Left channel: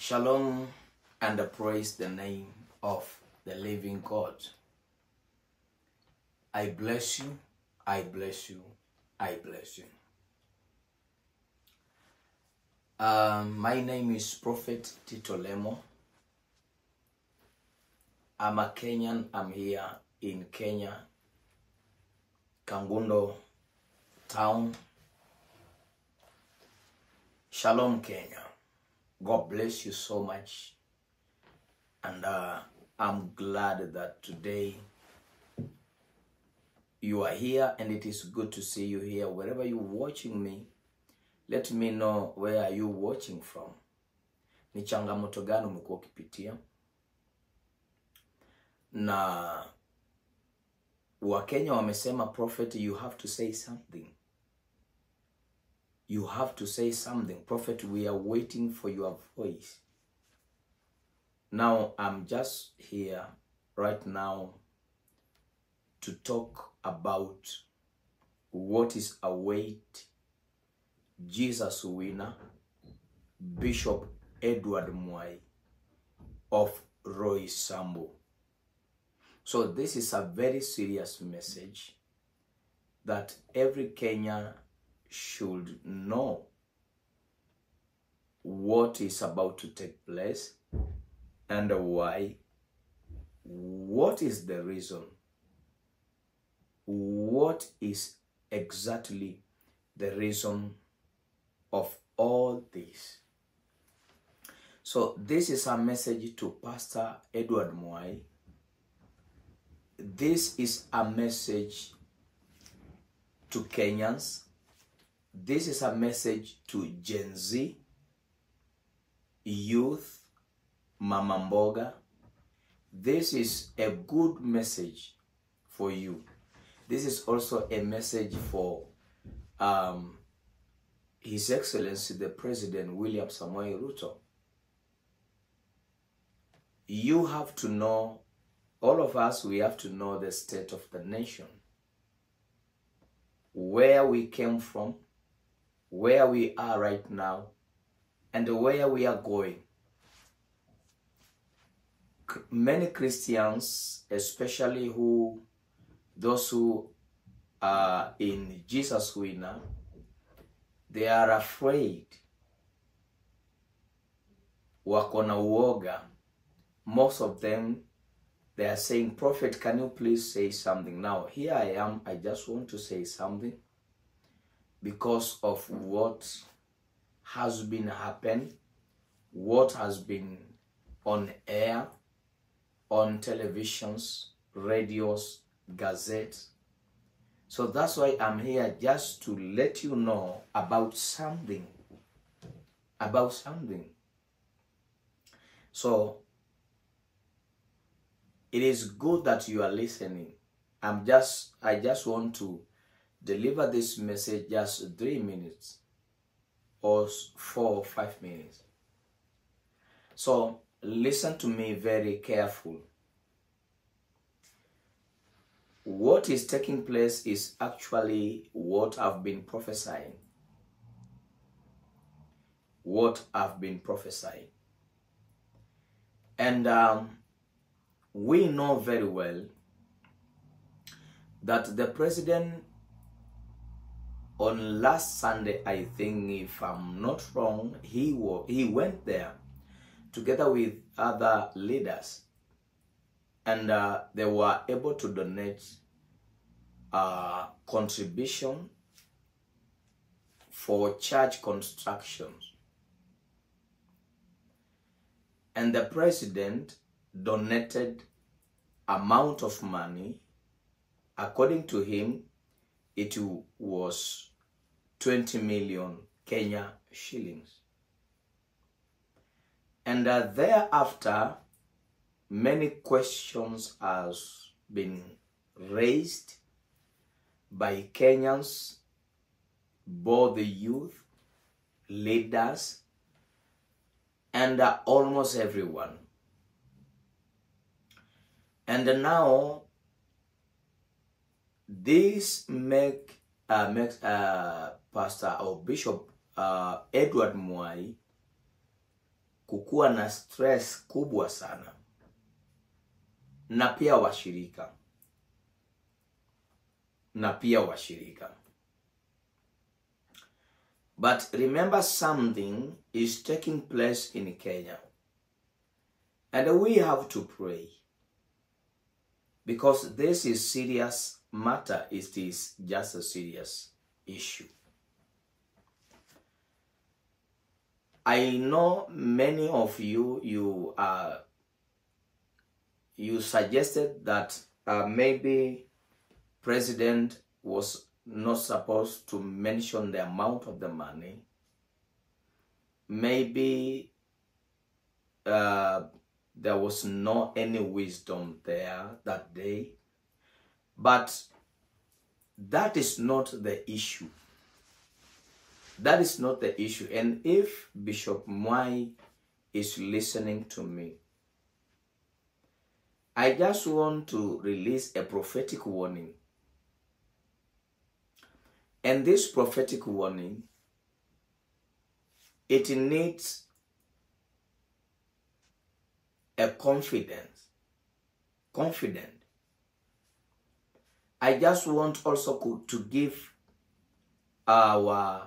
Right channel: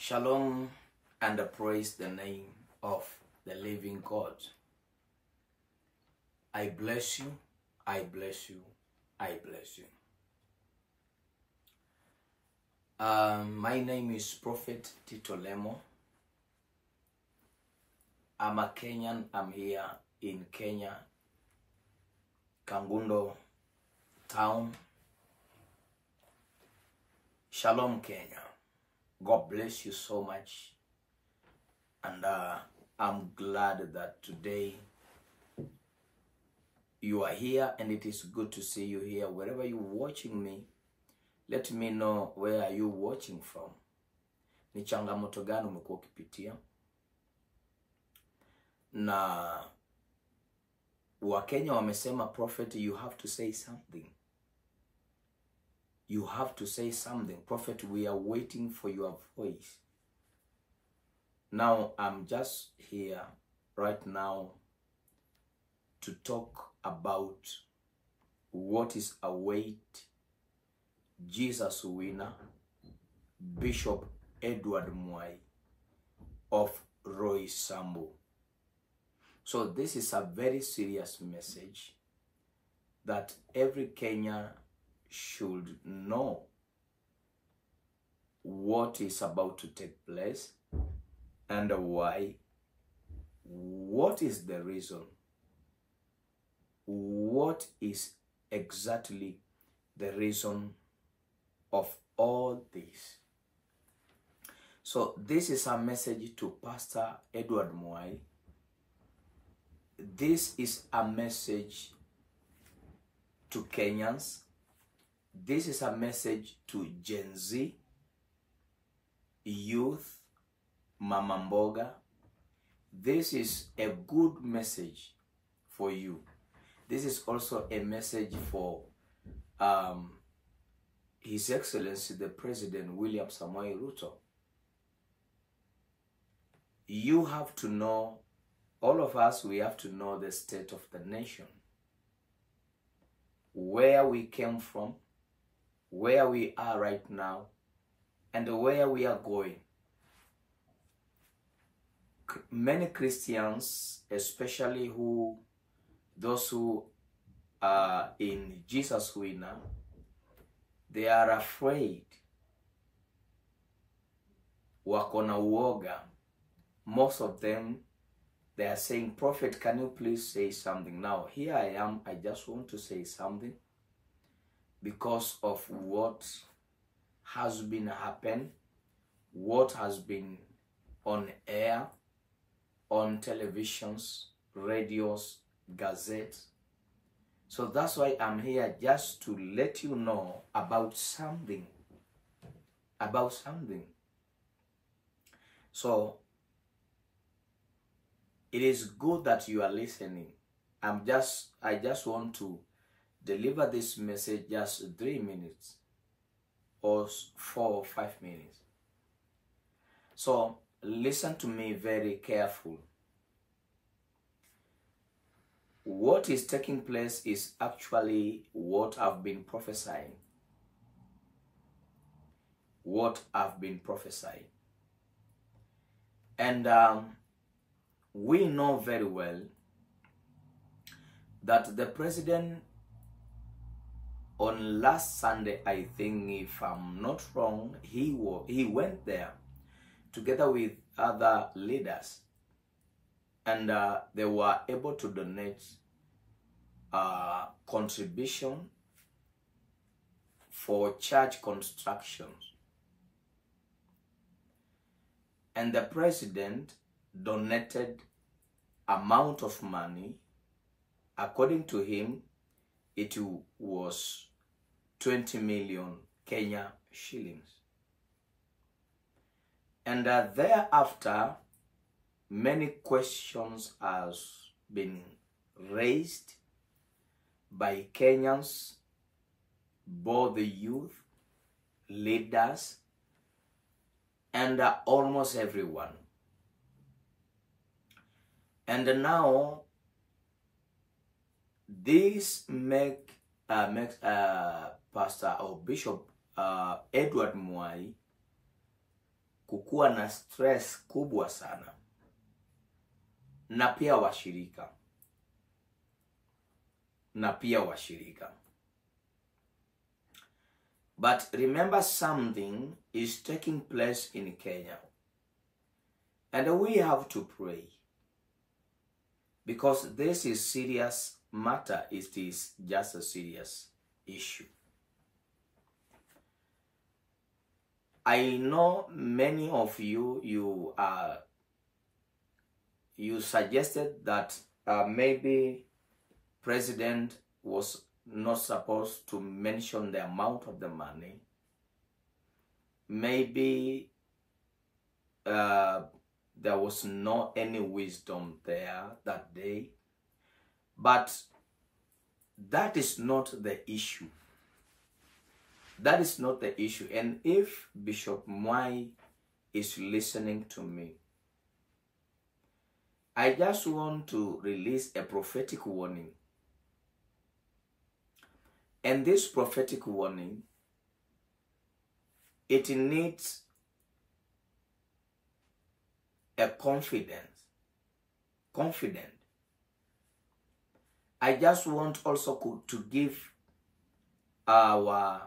Shalom and praise the name of the living God. I bless you, I bless you, I bless you. My name is Prophet Tito Lemo. I'm a Kenyan. I'm here in Kenya, Kangundo town. Shalom, Kenya. God bless you so much. And I'm glad that today you are here, and it is good to see you here. Wherever you're watching me, let me know where are you watching from. Ni changamoto gani umekuwa ukipitia? Na Wakenya wamesema, Prophet, you have to say something. You have to say something. Prophet, we are waiting for your voice. Now, I'm just here right now to talk about what is await Jesus winner, Bishop Edward Mwai of Roysambu. So this is a very serious message that every Kenyan should know what is about to take place and why. What is the reason? What is exactly the reason of all this? So this is a message to Pastor Edward Mwai. This is a message to Kenyans. This is a message to Gen Z, youth, Mama Mboga. This is a good message for you. This is also a message for His Excellency, the President William Samoei Ruto. You have to know, all of us, we have to know the state of the nation, where we came from, where we are right now, and where we are going. Many Christians, especially those who are in Jesus winner, they are afraid. Wako na uoga. Most of them, they are saying, Prophet, can you please say something? Now, here I am. I just want to say something because of what has been happening, what has been on air, on televisions, radios, gazettes. So that's why I'm here, just to let you know about something. About something. So it is good that you are listening. I just want to deliver this message just 3 minutes or 4 or 5 minutes. So listen to me very careful. What is taking place is actually what I've been prophesying. What I've been prophesying. And we know very well that the president, on last Sunday, I think, if I'm not wrong, he went there together with other leaders, and they were able to donate contribution for church constructions. And the president donated amount of money. According to him, it was 20 million Kenya shillings. And thereafter, many questions has been raised by Kenyans, both the youth, leaders, and almost everyone. And now, this makes Pastor or Bishop Edward Mwai kukuwa na stress kubwa sana, na pia washirika. But remember, something is taking place in Kenya, and we have to pray, because this is serious matter. It is just a serious issue. I know many of you suggested that maybe President was not supposed to mention the amount of the money. Maybe there was not any wisdom there that day. But that is not the issue. That is not the issue. And if Bishop Mwai is listening to me, I just want to release a prophetic warning. And this prophetic warning, it needs a confident. I just want also to give our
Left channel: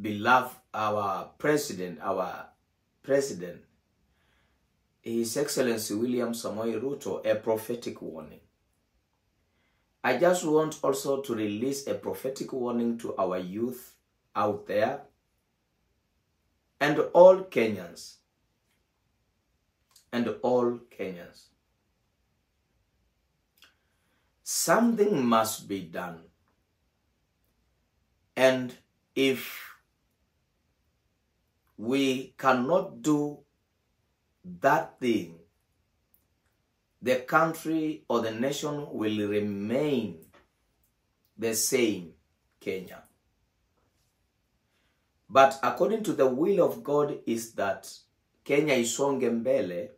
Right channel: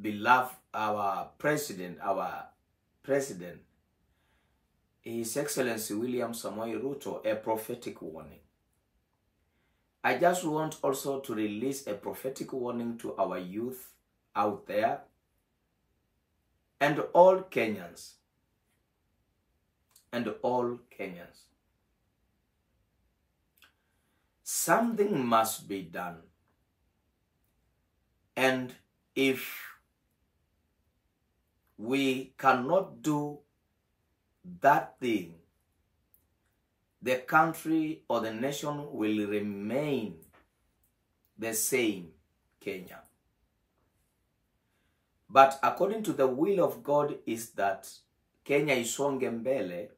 beloved, our president, His Excellency William Samoei Ruto, a prophetic warning. I just want also to release a prophetic warning to our youth out there and all Kenyans. Something must be done. And if we cannot do that thing, the country or the nation will remain the same, Kenya. But according to the will of God is that Kenya isonge mbele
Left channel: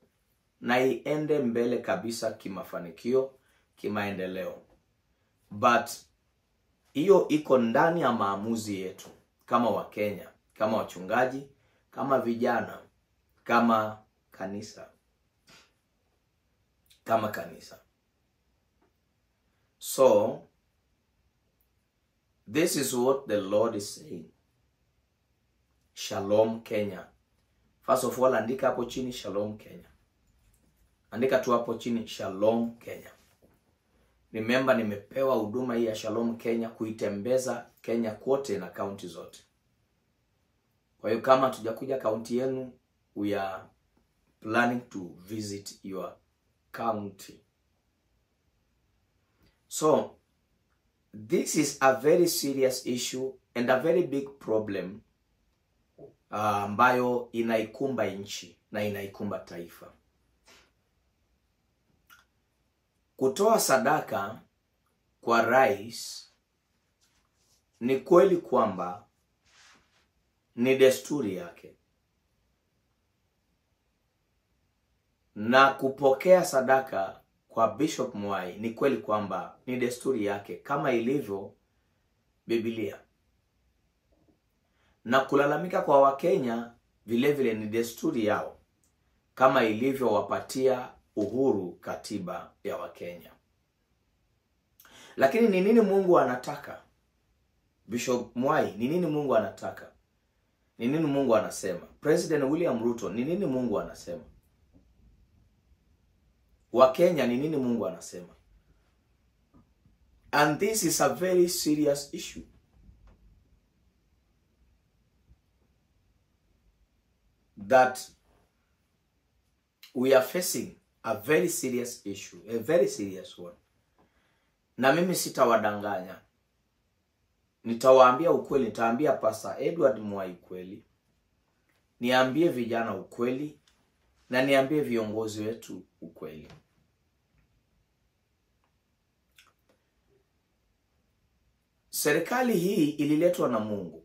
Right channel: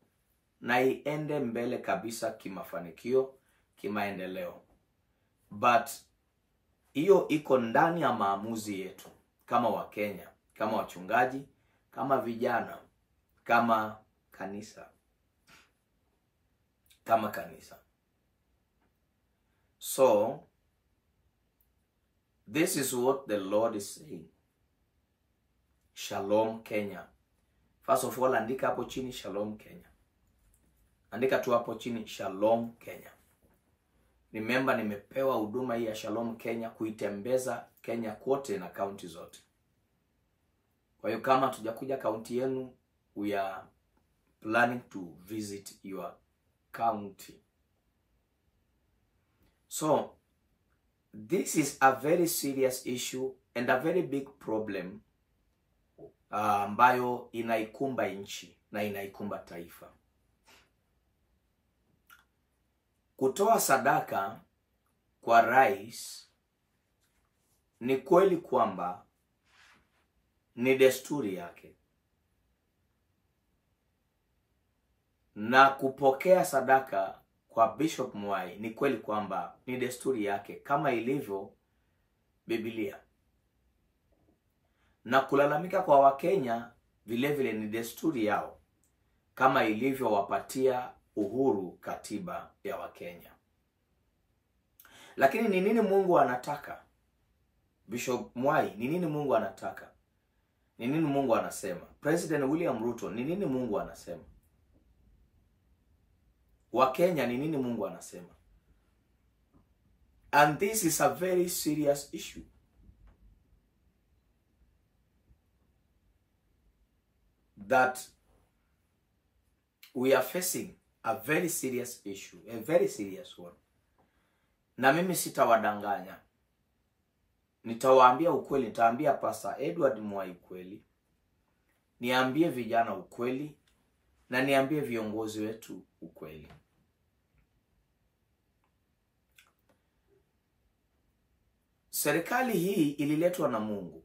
na iende mbele kabisa kimafanikio, kimaendeleo. But hiyo iko ndani ya maamuzi yetu kama Wakenya, kama wachungaji, kama vijana, kama kanisa. So, this is what the Lord is saying. Shalom Kenya. First of all, andika hapo chini Shalom Kenya. Andika tu hapo chini Shalom Kenya. Remember, nimepewa huduma hii ya Shalom Kenya kuitembeza Kenya kote na kaunti zote. Kwa hiyo kama tujakuja kaunti yenu, we are planning to visit your county. So, this is a very serious issue and a very big problem ambayo inaikumba nchi na inaikumba taifa. Kutoa sadaka kwa rais ni kweli kwamba ni desturi yake. Na kupokea sadaka kwa Bishop Mwai ni kweli kwamba ni desturi yake kama ilivyo Biblia. Na kulalamika kwa Wakenya vile vile ni desturi yao kama ilivyo wapatia uhuru katiba ya Wakenya. Lakini ni nini Mungu anataka? Bishop Mwai, ni nini Mungu anataka? Ni nini Mungu anasema? President William Ruto, ni nini Mungu anasema? Wakenya, ni nini Mungu anasema? And this is a very serious issue. That we are facing a very serious issue, a very serious one. Na mimi sitawadanganya. Nitawaambia ukweli, nitaambia Pastor Edward Mwai ukweli. Niambie vijana ukweli na niambie viongozi wetu ukweli. Serikali hii ililetwa na Mungu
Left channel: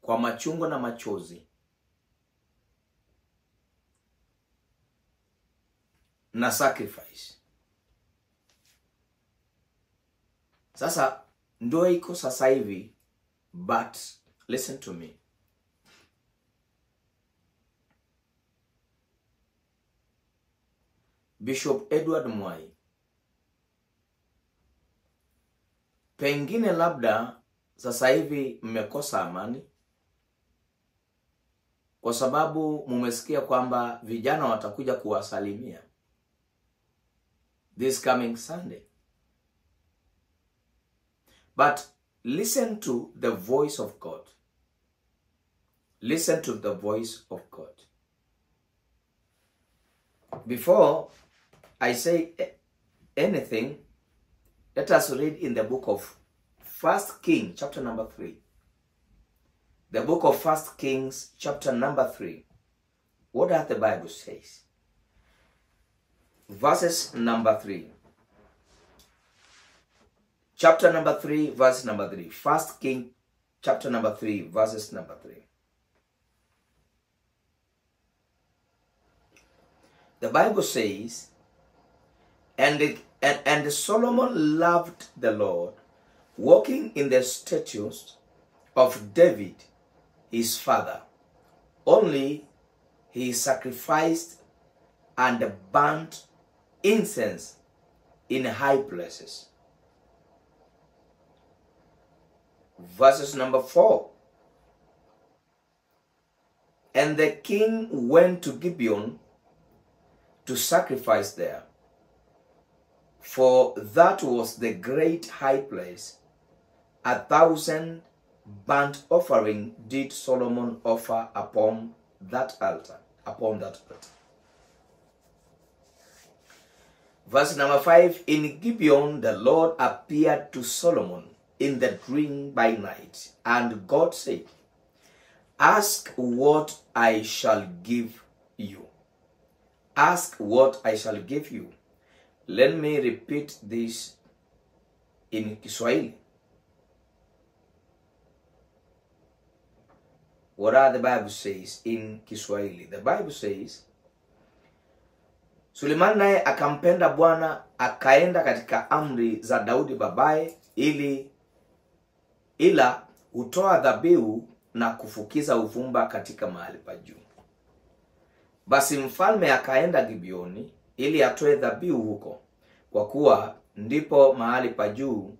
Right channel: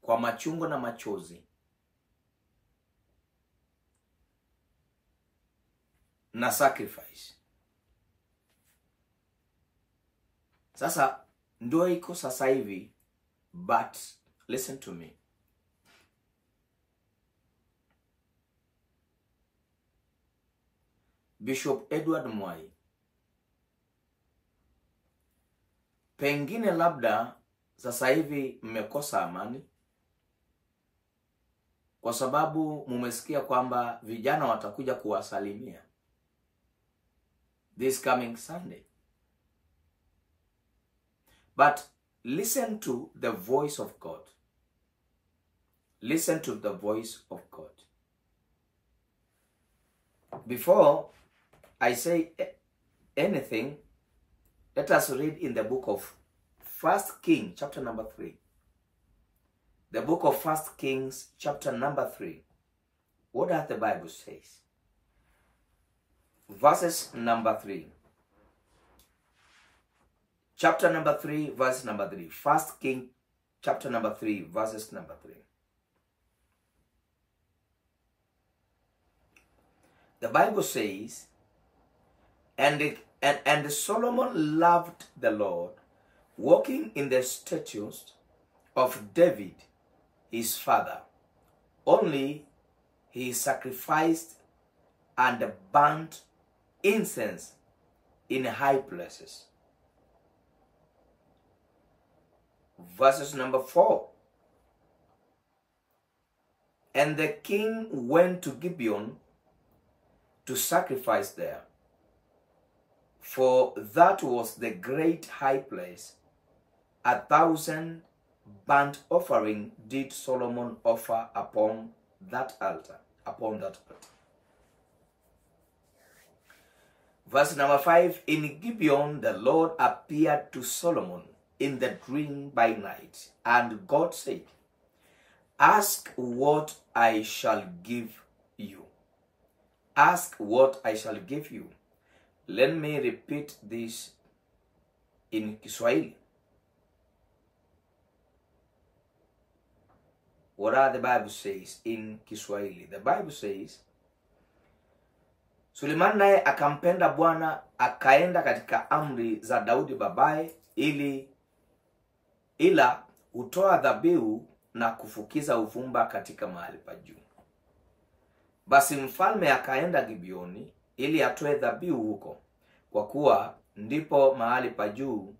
kwa machungu na machozi na sacrifice. Sasa ndio iko sasa hivi, but listen to me. Bishop Edward Mwai, pengine labda sasa hivi mmekosa amani kwa sababu mumesikia kwamba vijana watakuja kuwasalimia this coming Sunday. But listen to the voice of God. Listen to the voice of God. Before I say anything, let us read in the book of 1 Kings, chapter number 3. The book of 1 Kings, chapter number 3. What does the Bible say? Verses number 3. Chapter number 3, verse number 3. 1 Kings, chapter number 3, verses number 3. The Bible says, and Solomon loved the Lord, walking in the statutes of David, his father. Only he sacrificed and burnt incense in high places. Verses number 4. And the king went to Gibeon to sacrifice there, for that was the great high place. 1,000 burnt offering did Solomon offer upon that altar. Verse number 5. In Gibeon the Lord appeared to Solomon in the dream by night, and God said, ask what I shall give you. Ask what I shall give you. Let me repeat this in Kiswahili. What are the Bible says in Kiswahili? The Bible says, Suleiman naye akampenda Bwana, akaenda katika amri za Daudi babaye, ila hutoa dhabihu na kufukiza uvumba katika mahali pa juu. Basi mfalme akaenda Gibeoni ili atoe dhabihu huko, kwa kuwa ndipo mahali pa juu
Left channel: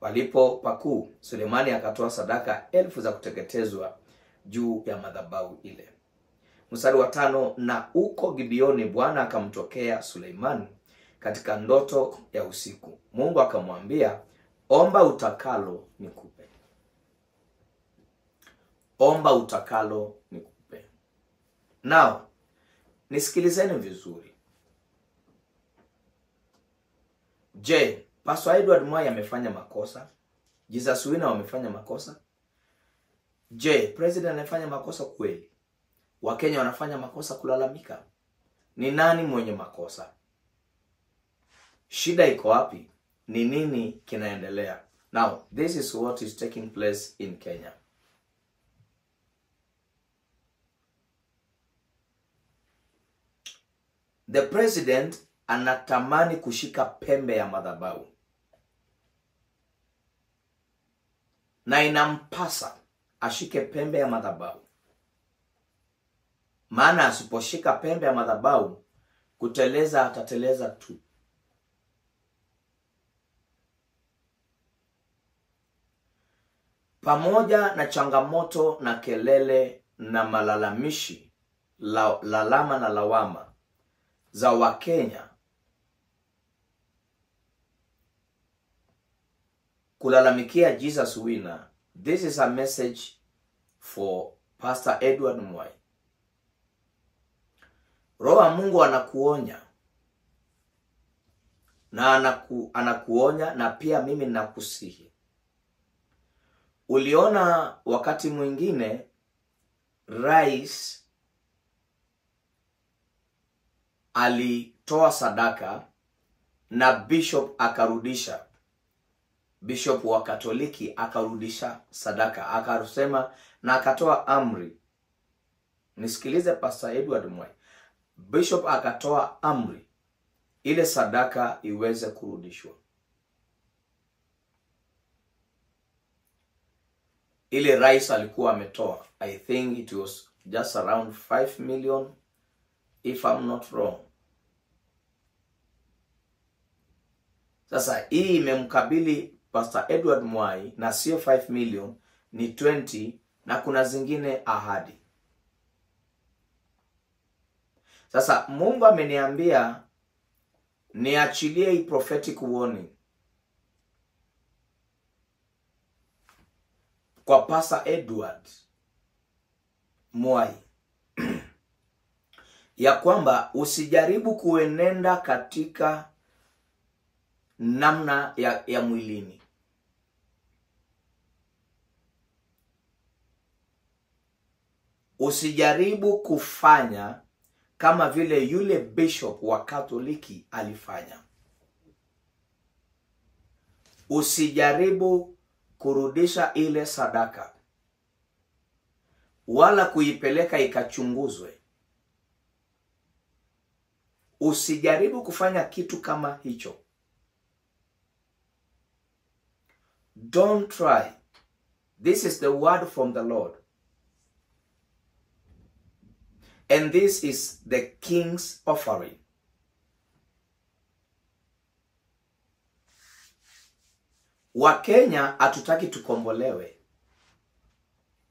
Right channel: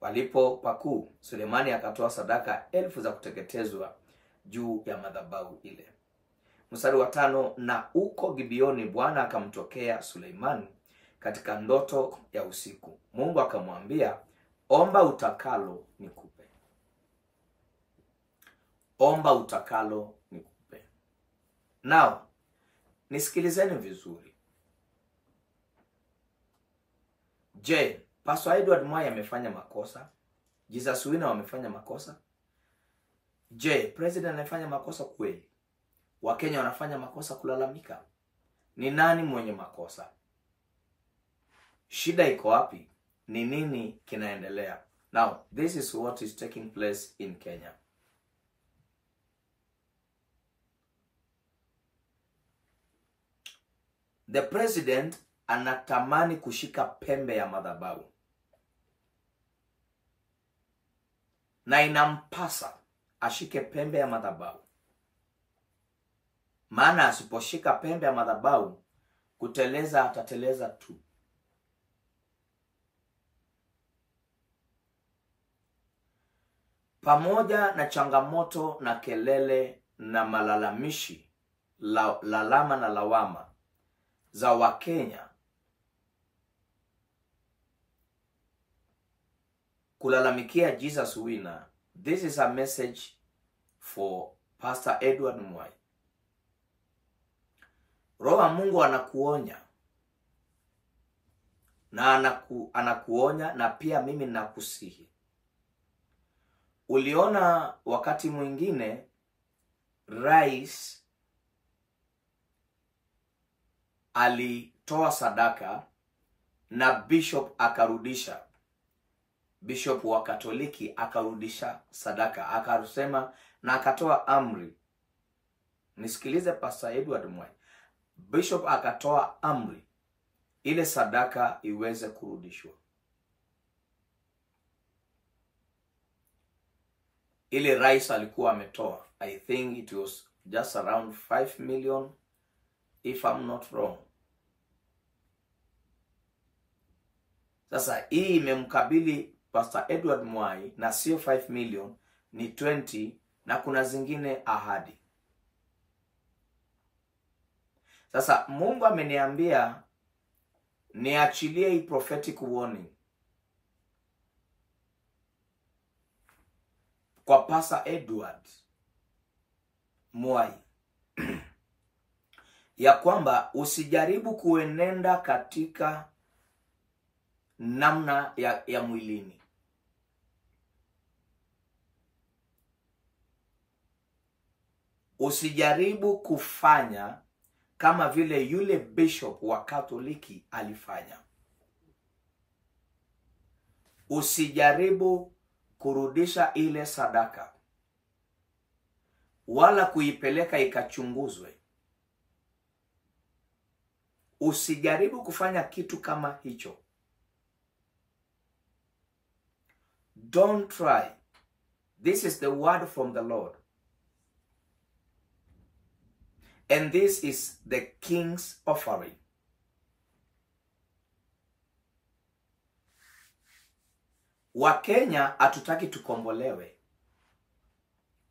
palipo pakuu. Sulemani akatoa sadaka 1000 za kuteketezwa juu ya madhabahu ile. Mstari wa 5. Na uko Gibeoni Bwana akamtokea Suleimani katika ndoto ya usiku. Mungu akamwambia, omba utakalo nikupe. Omba utakalo nikupe. Now, nisikilizeni vizuri. Je, Pastor Edward Mwai amefanya makosa? Jesus Wina wamefanya makosa? Je, President anafanya makosa kweli? Wakenya wanafanya makosa kulalamika? Ni nani mwenye makosa? Shida iko wapi? Ni nini kinaendelea? Now, this is what is taking place in Kenya. The president anatamani kushika pembe ya madhabahu. Na inampasa ashike pembe ya madhabahu. Maana asiposhika pembe ya madhabahu, kuteleza atateleza tu. Pamoja na changamoto na kelele na malalamishi, lalama na lawama za Wakenya kulalamikia Jesus Wina, this is a message for Pastor Edward Mwai. Roho wa Mungu anakuonya. Na anakuonya na pia mimi nakusihi. Uliona wakati mwingine rais alitoa sadaka na bishop akarudisha. Bishop wa Katoliki akarudisha sadaka, akasema na akatoa amri. Nisikilize Pastor Edward Mwai. Bishop akatoa amri ile sadaka iweze kurudishwa. Ile rais alikuwa ametoa, I think it was just around 5 million if I'm not wrong. Sasa hii imemkabili Pastor Edward Mwai, na sio 5 million, ni 20, na kuna zingine ahadi. Sasa Mungu ameniambia niachilie hii prophetic warning kwa Pastor Edward Mwai ya kwamba usijaribu kuenenda katika namna ya mwilini. Usijaribu kufanya kama vile yule bishop wa Katoliki alifanya. Usijaribu kurudisha ile sadaka wala kuipeleka ikachunguzwe. Usijaribu kufanya kitu kama hicho. Don't try. This is the word from the Lord. And this is the king's offering. Wakenya hatutaki tukombolewe.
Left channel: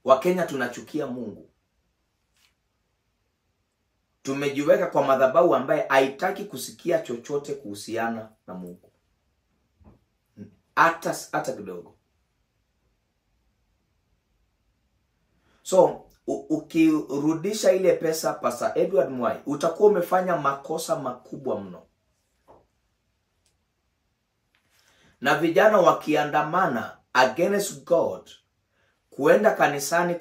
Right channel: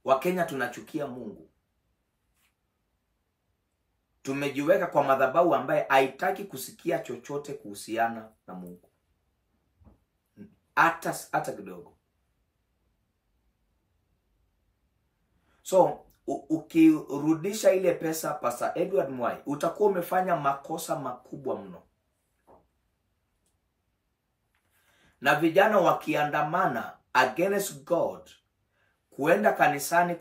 Wakenya tunachukia Mungu. Tumejiweka kwa madhabahu ambaye haitaki kusikia chochote kuhusiana na Mungu. Hata kidogo. So, ukirudisha ile pesa Pastor Edward Mwai, utakuwa umefanya makosa makubwa mno. Na vijana wakiandamana against God, kuenda kanisani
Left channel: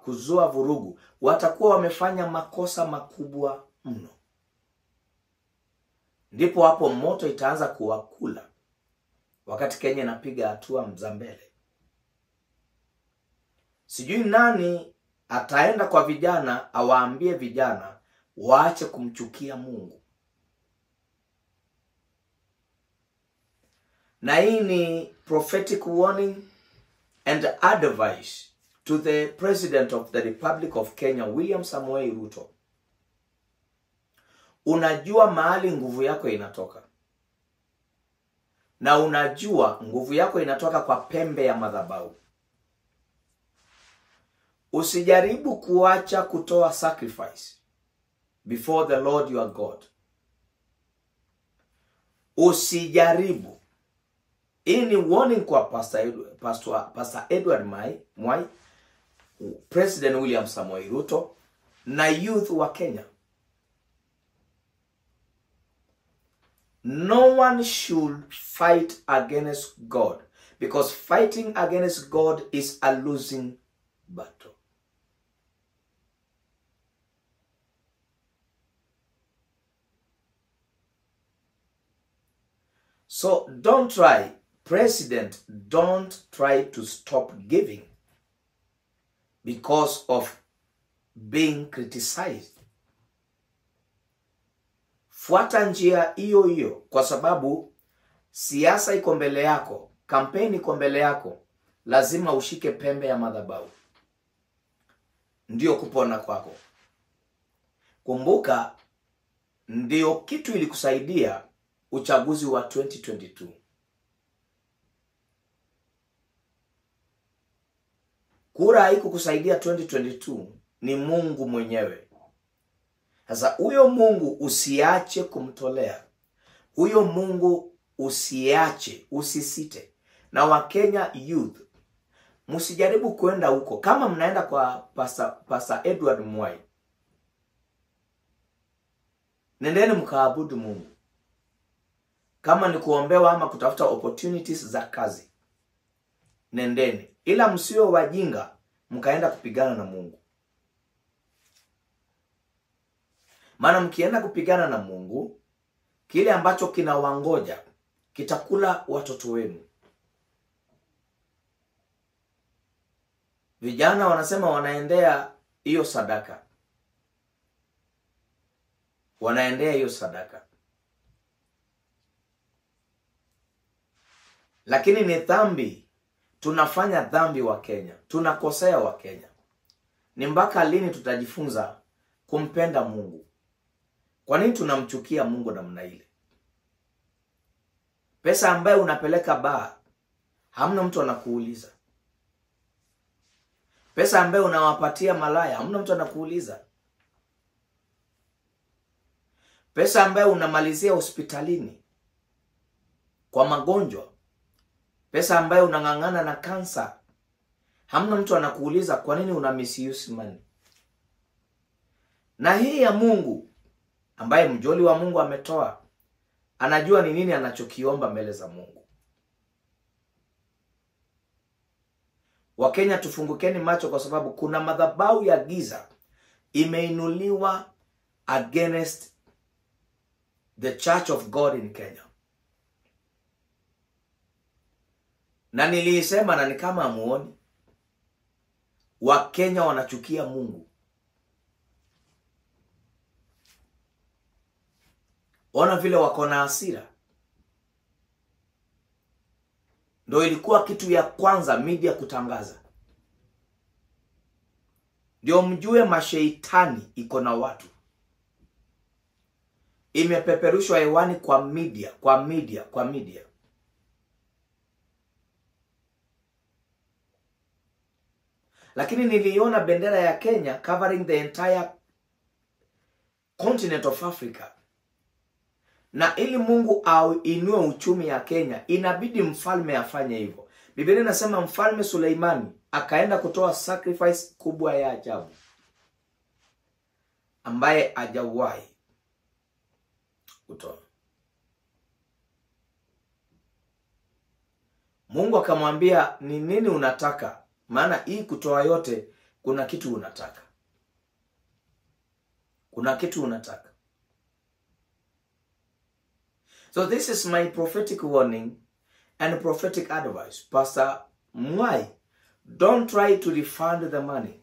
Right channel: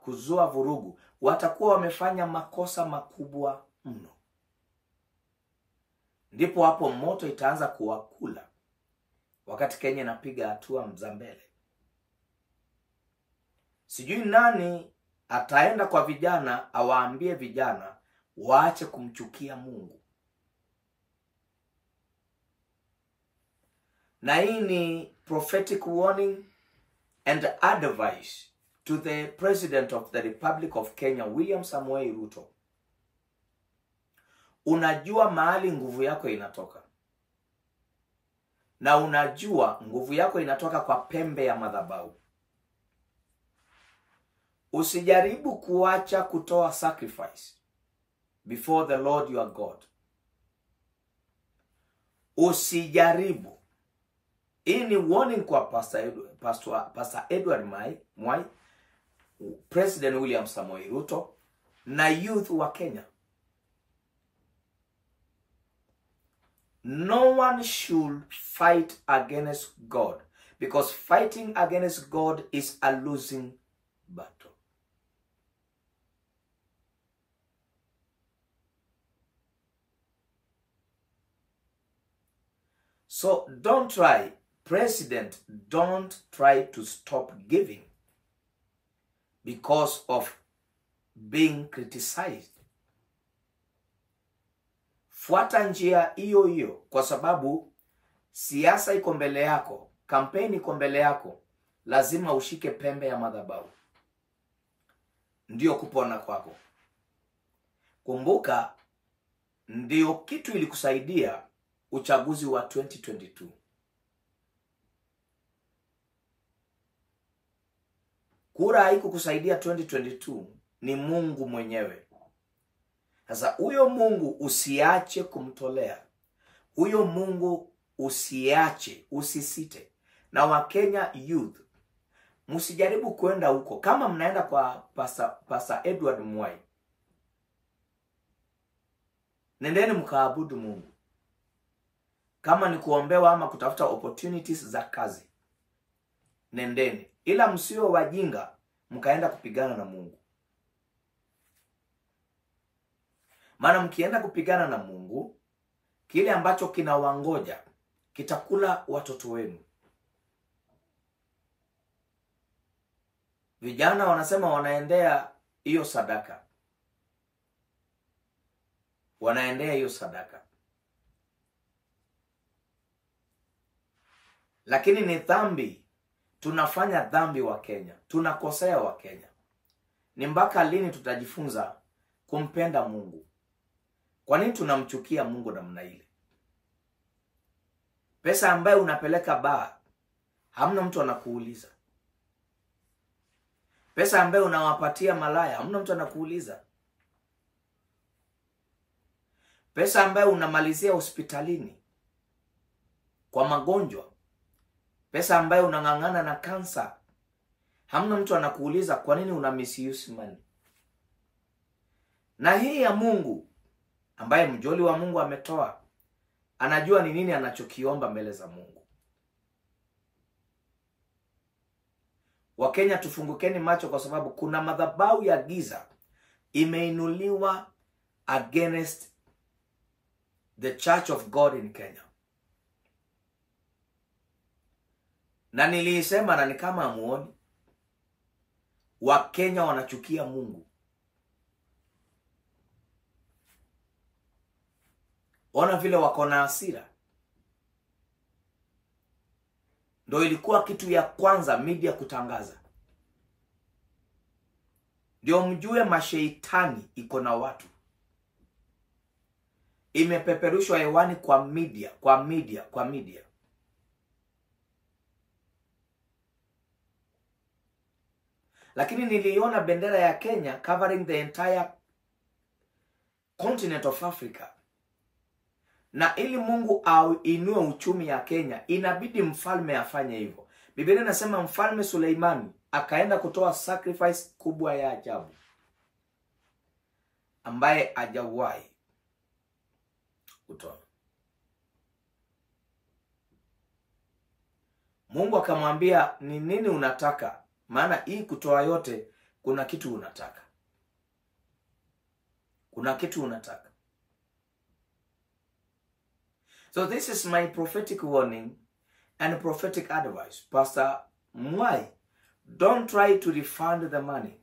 kuzua vurugu, watakuwa wamefanya makosa makubwa mno. Ndipo hapo moto itaanza kuwakula wakati Kenya inapiga hatua za mbele. Sijui nani ataenda kwa vijana awaambie vijana waache kumchukia Mungu. Na hii ni prophetic warning and advice to the President of the Republic of Kenya, William Samoei Ruto. Unajua mahali nguvu yako inatoka. Na unajua nguvu yako inatoka kwa pembe ya madhabahu. Usijaribu kuacha kutoa sacrifice before the Lord your God. Usijaribu. Hii ni warning kwa Pastor Edward Mwai, President William Samoei Ruto na youth wa Kenya. No one should fight against God, because fighting against God is a losing battle. So don't try, President, don't try to stop giving because of being criticized. Fuata njia hiyo hiyo, kwa sababu siasa iko mbele yako, kampeni iko mbele yako, lazima ushike pembe ya madhabahu. Ndio kupona kwako. Kumbuka, ndio kitu ilikusaidia uchaguzi wa 2022. Kura haikukusaidia 2022, ni Mungu mwenyewe. Sasa huyo Mungu usiache kumtolea. Huyo Mungu usiache, usisite. Na Wakenya youth, msijaribu kwenda huko. Kama mnaenda kwa Pastor Edward Mwai, nendeni mkaabudu Mungu. Kama ni kuombewa ama kutafuta opportunities za kazi, nendeni. Ila msio wajinga mkaenda kupigana na Mungu. Maana mkienda kupigana na Mungu, kile ambacho kinawangoja kitakula watoto wenu. Vijana wanasema wanaendea hiyo sadaka. Wanaendea hiyo sadaka. Lakini ni dhambi. Tunafanya dhambi wa Kenya. Tunakosea wa Kenya. Ni mpaka lini tutajifunza kumpenda Mungu? Kwa nini tunamchukia Mungu namna ile? Pesa ambayo unapeleka baa, hamna mtu anakuuliza. Pesa ambayo unawapatia malaya, hamna mtu anakuuliza. Pesa ambayo unamalizia hospitalini kwa magonjwa, pesa ambayo unang'ang'ana na kansa, hamna mtu anakuuliza kwa nini una misuse money. Na hii ya Mungu ambaye mjoli wa Mungu ametoa, anajua ni nini anachokiomba mbele za Mungu. Wakenya, tufungukeni macho, kwa sababu kuna madhabahu ya giza imeinuliwa against the Church of God in Kenya. Na nilisema, na ni kama amuoni, Wakenya wanachukia Mungu. Ona vile wako na hasira. Ndio ilikuwa kitu ya kwanza media kutangaza. Ndio mjue masheitani iko na watu. Imepeperushwa hewani kwa media. Lakini niliona bendera ya Kenya covering the entire continent of Africa. Na ili Mungu inue uchumi ya Kenya, inabidi mfalme afanye hivyo. Biblia inasema mfalme Suleimani akaenda kutoa sacrifice kubwa ya ajabu ambaye hajawahi kutoa. Mungu akamwambia, ni nini unataka? Maana hii kutoa yote, kuna kitu unataka. Kuna kitu unataka. So this is my prophetic warning and prophetic advice. Pastor Mwai, don't try to refund the money.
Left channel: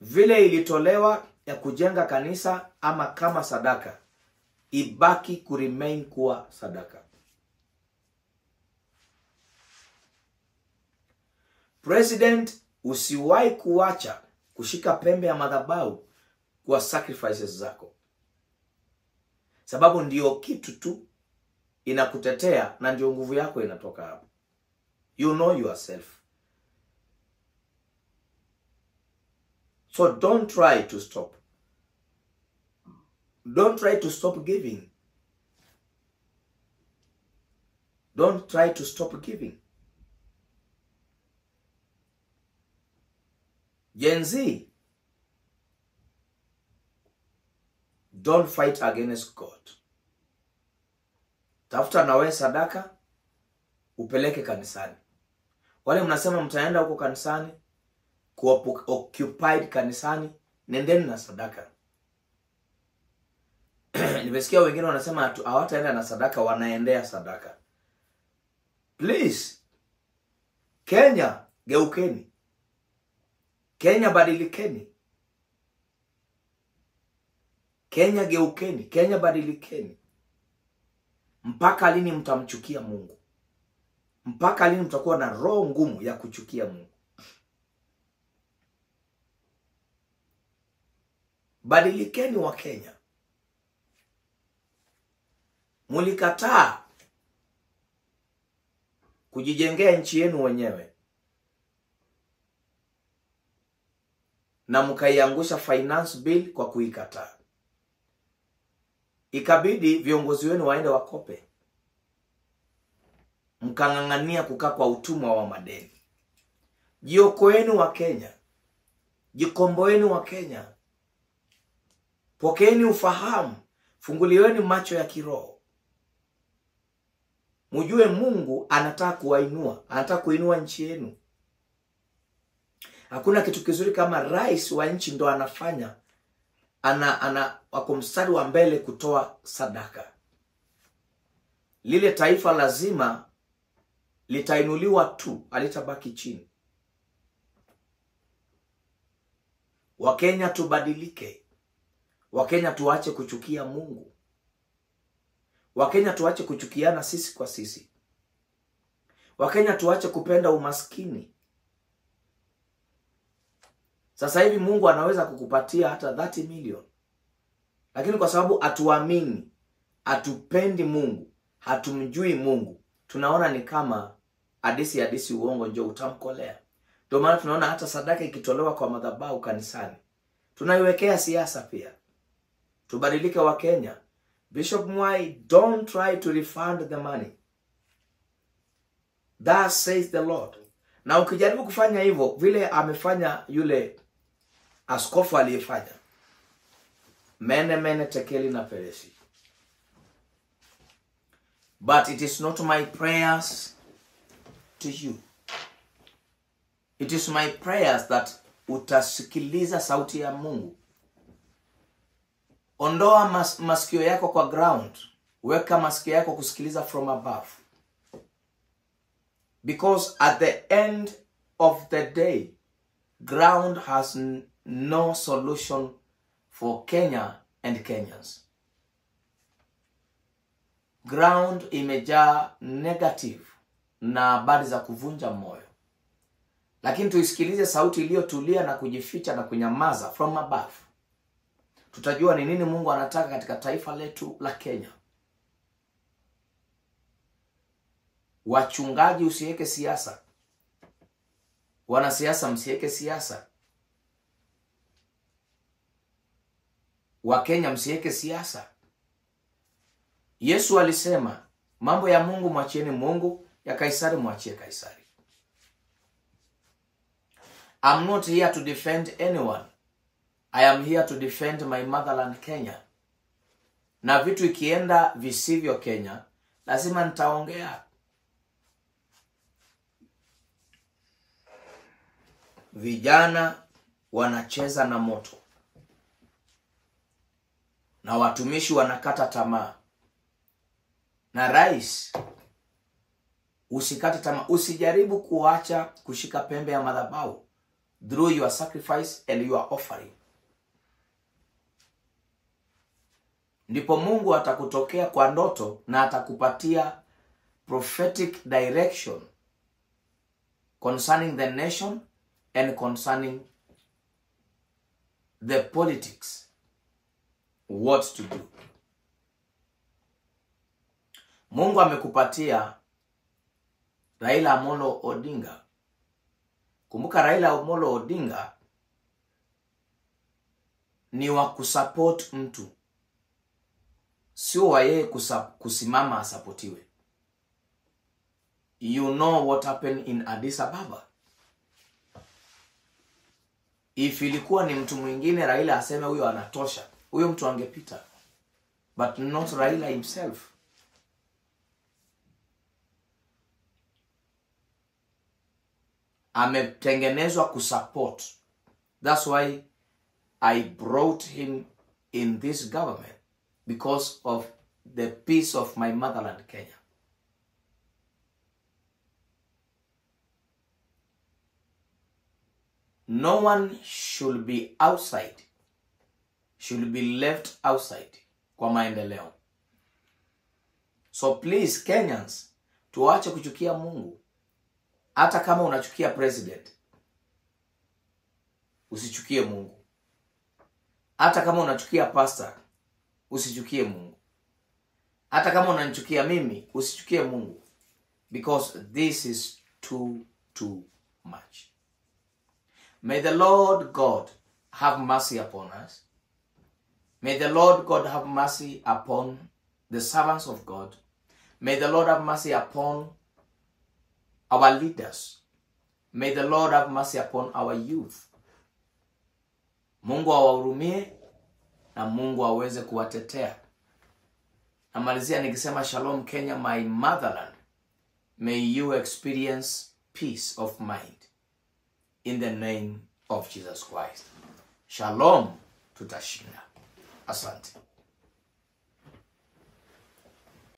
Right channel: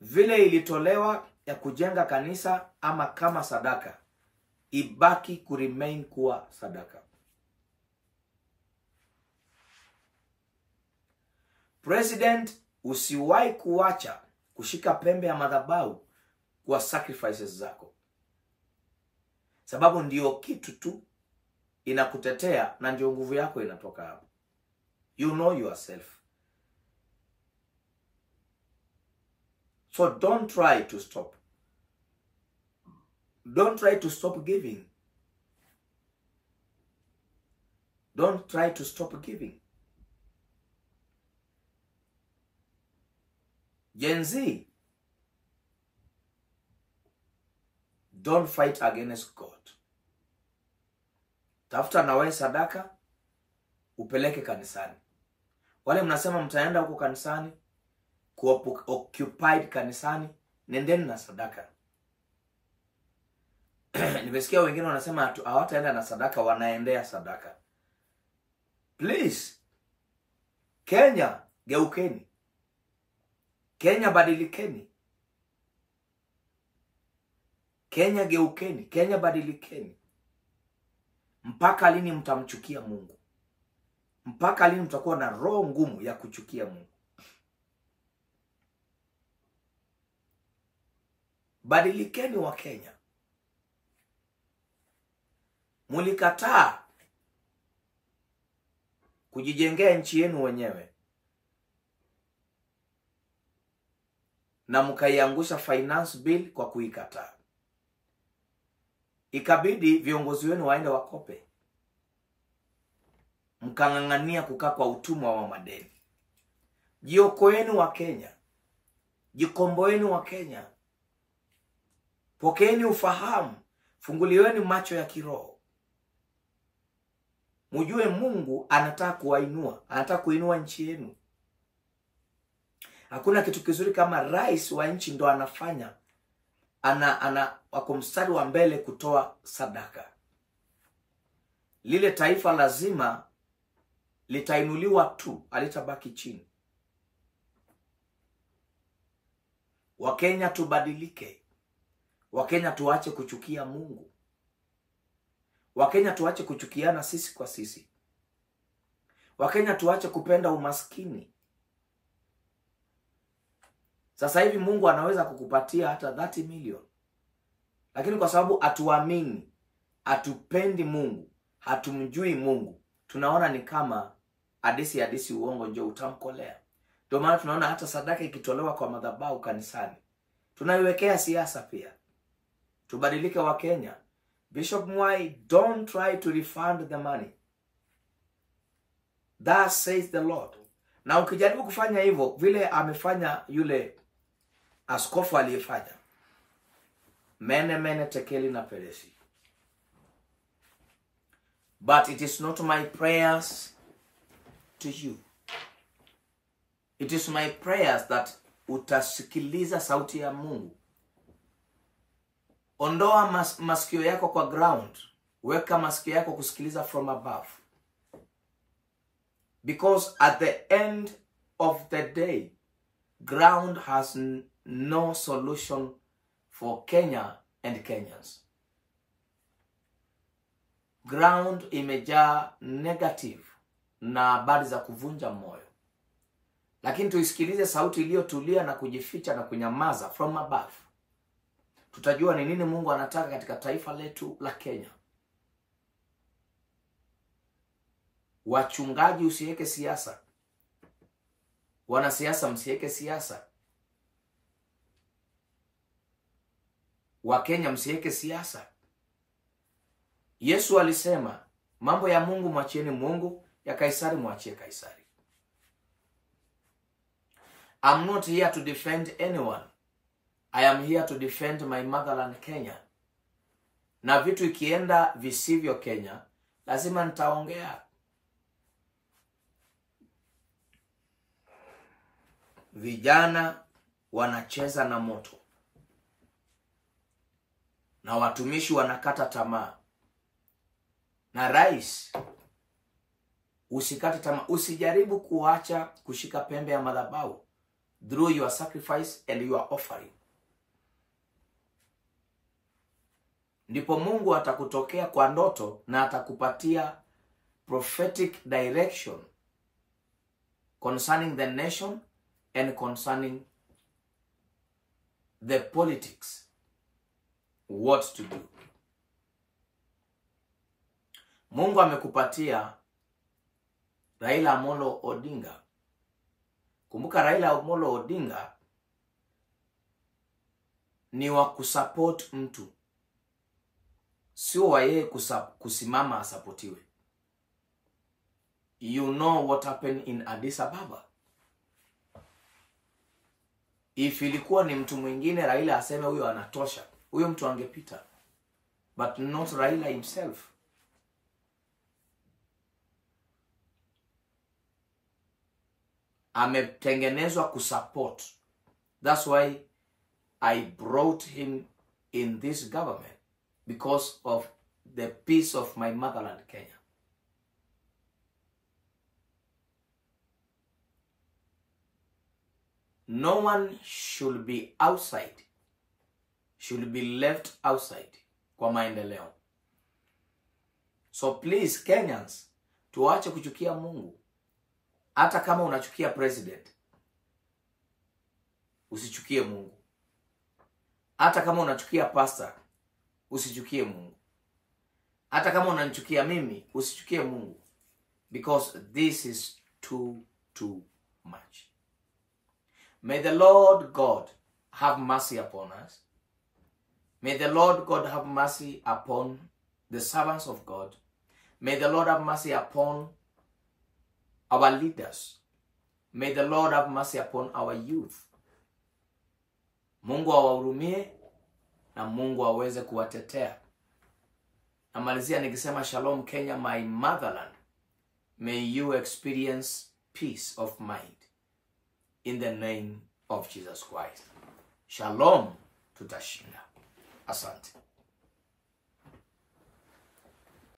Vile ilitolewa ya kujenga kanisa ama kama sadaka, ibaki kuremain kuwa sadaka. President, usiwahi kuacha kushika pembe ya madhabahu kwa sacrifices zako. Sababu ndio kitu tu inakutetea na ndio nguvu yako inatoka hapo. You know yourself. So don't try to stop. Don't try to stop giving. Don't try to stop giving. Gen Z, don't fight against God. Tafuta na wewe sadaka, upeleke kanisani. Wale mnasema mtaenda huko kanisani, occupied kanisani, nendeni na sadaka. Nimesikia wengine wanasema hawataenda na sadaka, wanaendea sadaka. Please, Kenya, geukeni. Kenya, badilikeni. Kenya, geukeni. Kenya, badilikeni. Mpaka lini mtamchukia Mungu? Mpaka lini mtakuwa na roho ngumu ya kuchukia Mungu? Badilikeni wa Kenya. Mulikataa kujijengea nchi yenu wenyewe na mkaiangusha finance bill kwa kuikataa. Ikabidi viongozi wenu waende wakope. Mkang'ang'ania kukaa kwa utumwa wa madeni. Jiokoeni wa Kenya. Jikomboeni wa Kenya. Pokeeni ufahamu. Funguliweni macho ya kiroho. Mjue Mungu anataka kuwainua. Anataka kuinua nchi yenu. Hakuna kitu kizuri kama rais wa nchi ndo anafanya. Wako mstari wa mbele kutoa sadaka. Lile taifa lazima litainuliwa tu, alitabaki chini. Wakenya tubadilike. Wakenya tuache kuchukia Mungu. Wakenya tuache kuchukiana sisi kwa sisi. Wakenya tuache kupenda umaskini. Sasa hivi Mungu anaweza kukupatia hata 30 million. Lakini kwa sababu atuamini, atupendi Mungu, hatumjui Mungu, tunaona ni kama hadisi uongo ndio utamkolea. Ndio maana tunaona hata sadaka ikitolewa kwa madhabahu kanisani tunaiwekea siasa pia. Tubadilike wa Kenya. Bishop Mwai, don't try to refund the money. That says the Lord. Na ukijaribu kufanya hivyo vile amefanya yule askofu aliyefanya, mene tekeli na peresi. But it is not my prayers to you. It is my prayers that utasikiliza sauti ya Mungu. Ondoa masikio yako kwa ground. Weka masikio yako kusikiliza from above. Because at the end of the day, ground has no solution for Kenya and Kenyans. Ground imejaa negative na habari za kuvunja moyo. Lakini tuisikilize sauti iliyotulia na kujificha na kunyamaza from above. Tutajua ni nini Mungu anataka katika taifa letu la Kenya. Wachungaji, usiweke siasa. Wanasiasa, msiweke siasa. Wakenya, msiweke siasa. Yesu alisema, mambo ya Mungu mwachieni Mungu, ya Kaisari mwachie Kaisari. I'm not here to defend anyone. I am here to defend my motherland Kenya. Na vitu ikienda visivyo Kenya, lazima nitaongea. Vijana wanacheza na moto. Na watumishi wanakata tamaa. Na rais, usikate tamaa. Usijaribu kuacha kushika pembe ya madhabahu through your sacrifice and your offering. Ndipo Mungu atakutokea kwa ndoto na atakupatia prophetic direction concerning the nation and concerning the politics, what to do. Mungu amekupatia Raila Amolo Odinga. Kumbuka Raila Amolo Odinga ni wa kusupport mtu, sio wa yeye kusimama asapotiwe. You know what happened in Addis Ababa. If ilikuwa ni mtu mwingine Raila aseme huyo anatosha, huyo mtu angepita. But not Raila himself. Ametengenezwa kusupport. That's why I brought him in this government, because of the peace of my motherland Kenya. No one should be outside, should be left outside kwa maendeleo. So please Kenyans, tuache kuchukia Mungu. Hata kama unachukia president, usichukie Mungu. Hata kama unachukia pastor, usichukie Mungu. Hata kama unanichukia mimi, usichukie Mungu. Because this is too much. May the Lord God have mercy upon us. May the Lord God have mercy upon the servants of God. May the Lord have mercy upon our leaders. May the Lord have mercy upon our youth. Mungu awahurumie na Mungu aweze kuwatetea. Namalizia nikisema shalom Kenya, my motherland. May you experience peace of mind in the name of Jesus Christ. Shalom, tutashinda. Asante.